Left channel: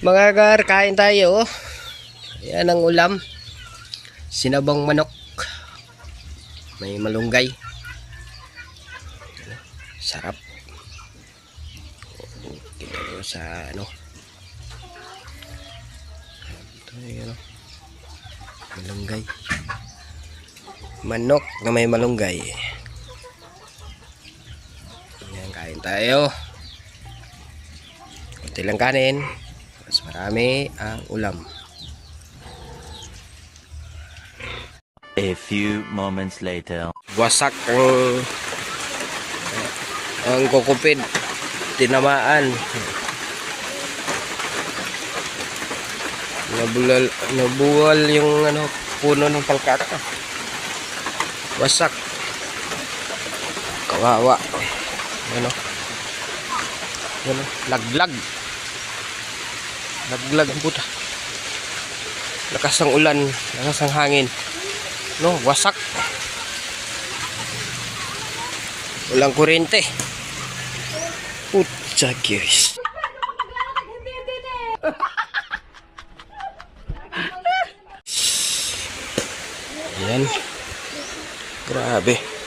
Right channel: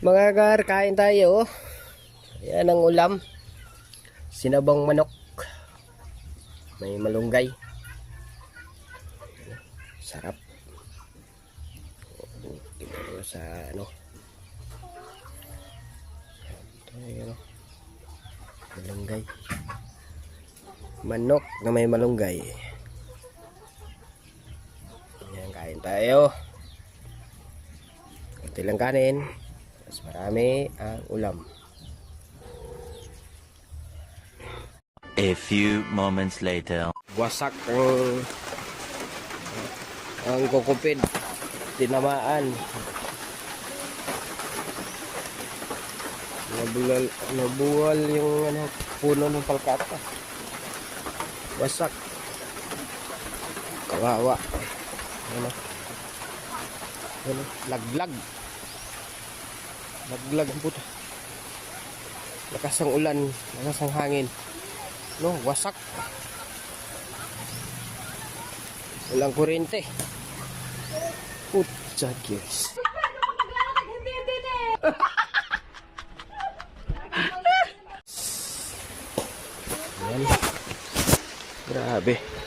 Mga gar, kain tayo. Yan ang ulam. Sinabang manok. May malunggay. Sarap. Dito sa ano. Ito yung malunggay. Manok na may malunggay. Yan, kain tayo. Ito lang kanin. Mas marami ang ulam. A few moments later. Wasak ang kukupid. Tinamaan. Nabuwal yung ano, puno ng palkata. Wasak. Kawawa. Ano? Ano? Laglag. Laglag ang puta. Lakas ang ulan, lakas ang hangin. No, wasak. Walang kuryente. Putsa guys. Yan. Grabe.